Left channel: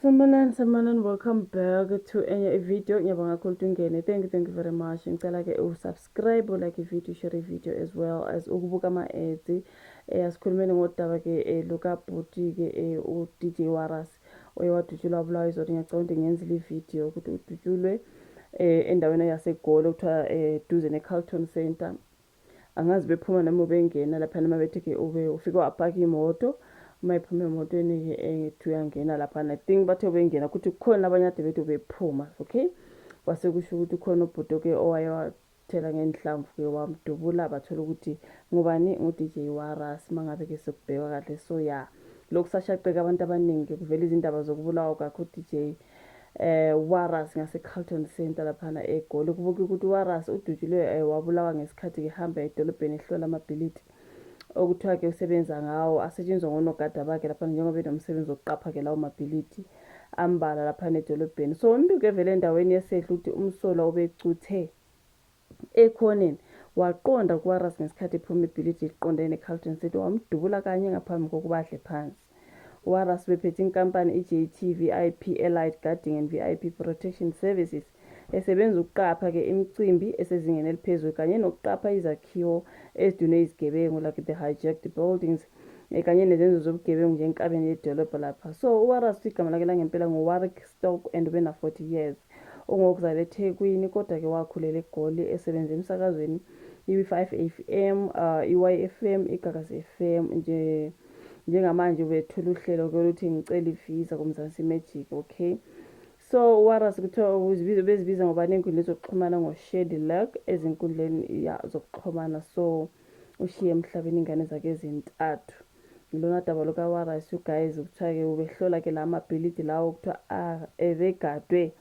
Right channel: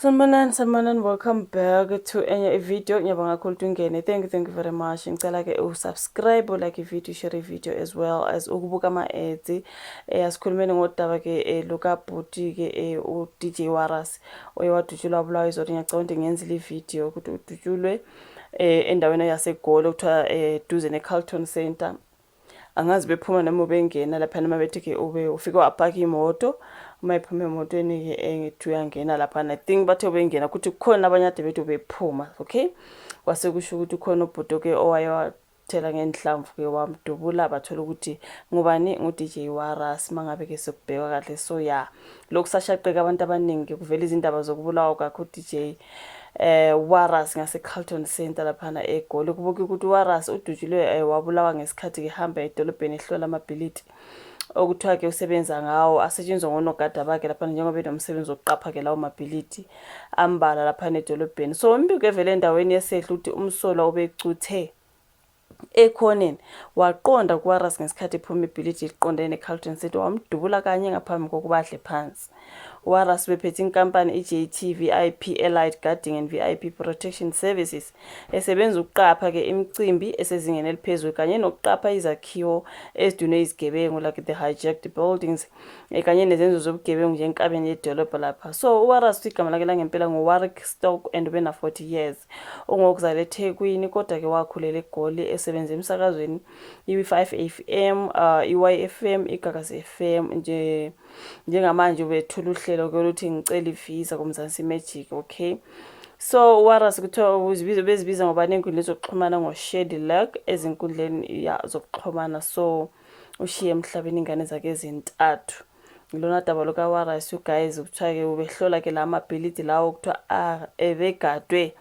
Sanibonani, welcome back to enye video. Ngiyabonga kakhulu ungene. Thank you very much. Ngicela ke usubscribe, like video, share video as well as ukubuka ama-ads. Asikhulumeni ngodaba ke lokabhuti ke u-DJ Waras oyewadutshulwa wabulawa izolo. Ngiyacabanga ukuthi ngiyenzile ivideo ukuthi udutshulwe endaweni yaseGoli okuthiwa duze ne-Carlton Center. Angazi bephuma noma bengena lapha noma bethi ke ufike wapaka imoto uma iphuma emotweni ke ngithi uyangena lapha. I think bathe bengena ukuthi kukhona abanye ade bethu bephuma, okay? Kwase kusho ukuthi ukhona ubhuti ke owayewathela ngenhlamvu ke wamdubula bathola ukuthi ngubani ngu-DJ Waras mangabe ke sokubheka kahle. So yeah, lokhu sashaqeka abantu abaningi kuvela izindaba zokubulawa kwakhe u-DJ Waras ngase-Carlton Center laphana eGoli. Kubuka ukuthi uWaras udutshulwe wabulawa ngesikhathi ehamba edolobheni ehlola amabhilidi okuthiwa ke usebenza ngawo asetshenzwa ngonogada bakhe laphana njengoba benomsebenzi wokuqapha ke lawo mabhilidi ambala laphana edolobheni. So umbiko evele endaweni yesehla ukuthi umsolwa ubecuthe ekhoneni waqonda kuWaras ngesikhathi ephuma ibhilidi liqondene ne-Carlton Center wamdubula kanye ngaphambi kokuba adle phansi. Waras bephethe inkampani i-JT VIP Allied Guarding and VIP Protection Services esebenza ukuqapha ke imicimbi esezingeni eliphezulu kanye nokuqapha izakhiwo ezidunwe izigebengu like the hijacked buildings kanye nezenzo zobugebengu nje enkabeni yedolobha lapha. So uWaras igama lakhe langempela nguWarwick Stock and ubena 40 years. Ungokuzala eThekwini kodwa ke wakhulela eGoli esebenza emsakazweni i-5 FM, i-YFM, iGagasi FM njengamanje ubethula uhlelo ke luthi ngicela ivisa kuMzansi Magic, okay? So Waras kuthiwa bezibiza ngobani enkundleni zokuxhumana ngo-Shady Luck ezinkundleni zokuxhumana. So ushiye emhlabeni ingane zakhe ezintathu. Lona daba lokaWaras guys kuthiwa ke ubehlola ke la mabhilidi lawo kuthiwa ebegadwe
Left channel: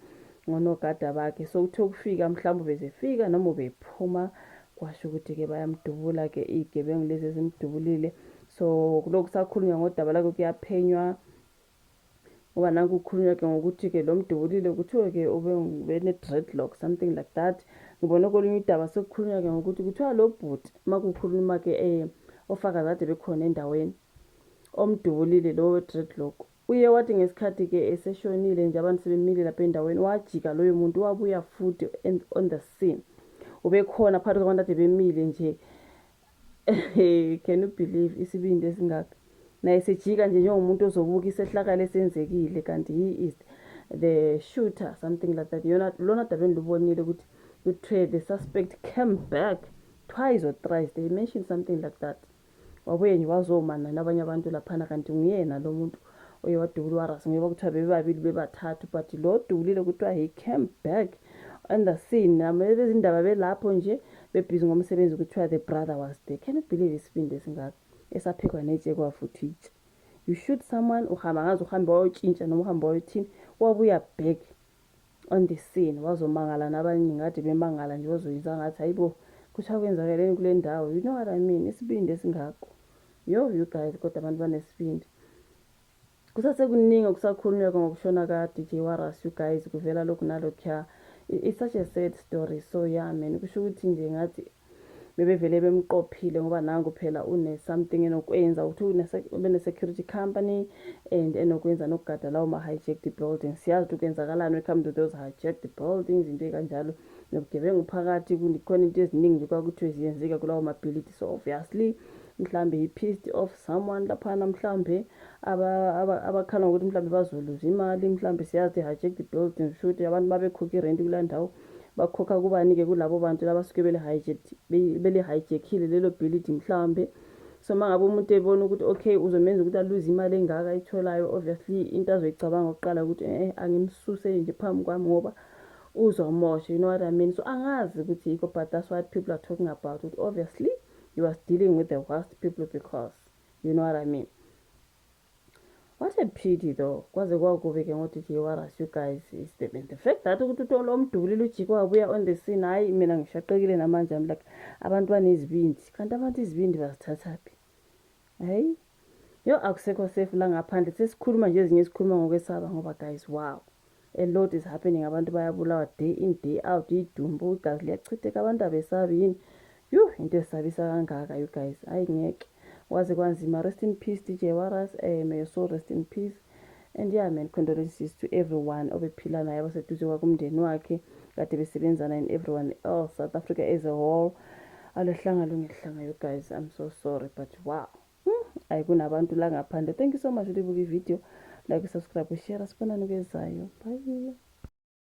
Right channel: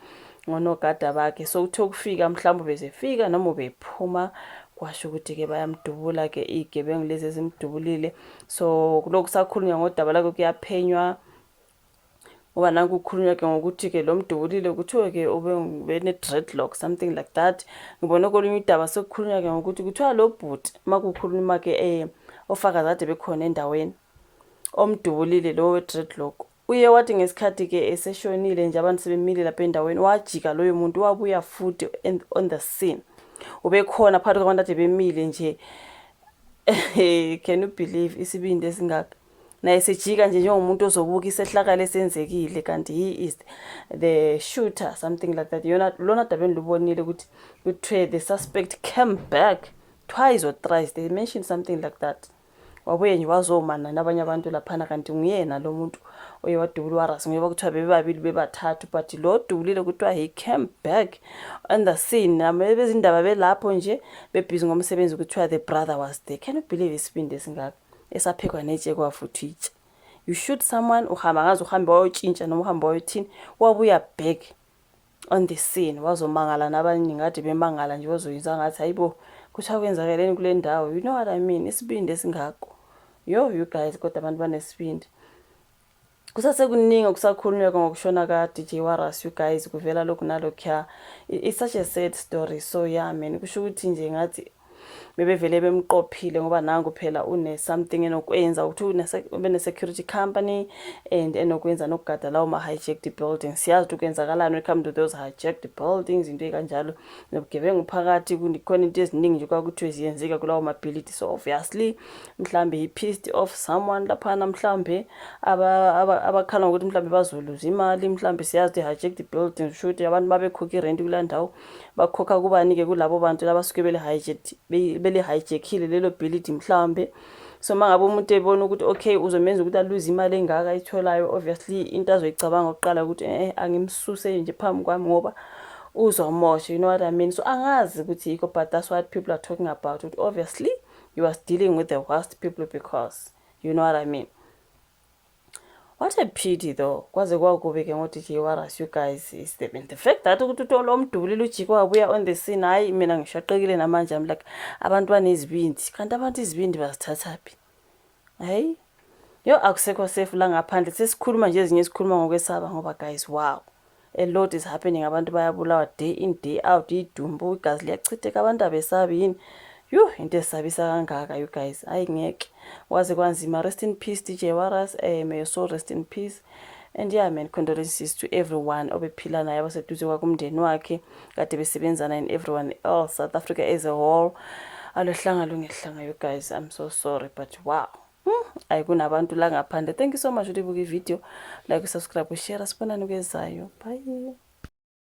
ngonogada bakhe. So uthe ukufika mhlawumbe bezefika noma ubephuma kwasho ukuthi ke bayamdubula ke igebengu lezi ezimdubulile. So kuloko sakhulunywa ngodaba lakhe kuyaphenywa uba nanku ukukhulunywa ke ngokuthi ke lo mdubulile kuthiwa ke ubene dreadlock something like that. Ngibona kolunye udaba sekukhulunywa ke ngokuthi kuthiwa lo bhuti makukhuluma ke ofakazi ade bekhona endaweni omdubulile lo we dreadlock uye wathi ngesikhathi ke eseshonile nje abantu sebemile lapha endaweni wajika loyo muntu wabuya futhi on the scene. Ubekhona phakathi kwabantu ade bemile nje. Can you believe isibindi esingaka? Naye sejika nje njengomuntu ozobuka isehlakalo esenzekile kanti he is the shooter something like that. Lona dabeni lubonile ukuthi kuthiwe the suspect came back twice or thrice, they mentioned something like that. Wabuye nje wazomana nabanye abantu laphana kanti nguyena lo muntu oyewadubula uWaras ngoba kuthiwa bebabili bebathathu but lo dubulile kuthiwa he came back on the scene. Nabezindaba belapho nje bebhizi ngomsebenzi kuthiwa the brother was there. Can you believe isibindi esingaka esaphekwa netshe kwafuthi itshe? You shoot someone uhamba ngaze uhambe wayotshintsha noma uhamba wayothini wabuya back on the scene wazomangala nabanye ngathi bemangala nje wazoyinza ngathi hayibo kuthiwa kwenzakeleni kule ndawo. You know what I mean? Isibindi esingako. You guys kodwa abantu banesibindi. Kusasekuningi okusakhulunywa ngokushona ka-DJ Waras you guys kuvela lokhu nalokho. It's such a sad story. So yeah man, kusho ukuthi nje ngathi bebevele bemqophile ngoba nangu phela une something enokwenza ukuthi ube security company and enokwenza nokugada lawo ma-hijacked buildings. Siyazi ukuthi kwenzakalani when it comes to those hijacked buildings into ekanjalo nobugebengu phakathi kukhona into eziningi nje kwakuthiwe ziyenzeka kulawo mabhilidi. So obviously mhlambe he pissed off someone laphana mhlambe abakhala ngokuthi mhlambe bazoluza imali mhlambe siyazi ukuthi hijacked buildings shoot abantu babekhokha irent kula ndawo bakhokha kubani ke kulabo bantu labasuke bele hijackile lelo bhilidi mhlambe. So mangabe umuntu ebona ukuthi okay uzomenza ukuthi aluze imali engaka ayitholayo obviously into azoyicabanga oqala ukuthi angimsuse nje phambi kwami ngoba uzomosha. You know what I mean? So angazi ukuthi yikho but that's what people are talking about. Obviously you are dealing with the worst people because you know what I mean. What a pity though. Kwaze kwakube ke ngo-DJ Waras you guys is the fact that ukuthi lo mdubulile ujiko wabuya on the scene. Hayi mina ngishaqekile namanje I'm like abantu banezibindi kanti abantu izibindi bazithathaphi. Hayi yo akusekho safe la ngaphandle sesikhuluma nje ezinye esikhuluma ngokwesaba ngoba guys wow a lot is happening. Abantu bayabulawa day in day out idumbu igazi liyachitheka abantu abesabi yini. Into esabisa kangaka you guys. Hayi ngeke waze kwanzima. Rest in peace DJ Waras. May your soul rest in peace. And yeah man, condolences to everyone obephila naye abaseduze kwakumndeni wakhe kade besebenzana and everyone else, South Africa as a whole. Alohlanga lungehlanga, you guys, I'm so sorry, but wow. Ayi kunabantu la ngaphandle. Thank you so much ukuthi ubuka ivideo, like, subscribe, share, sibonane kwezayo. Bye.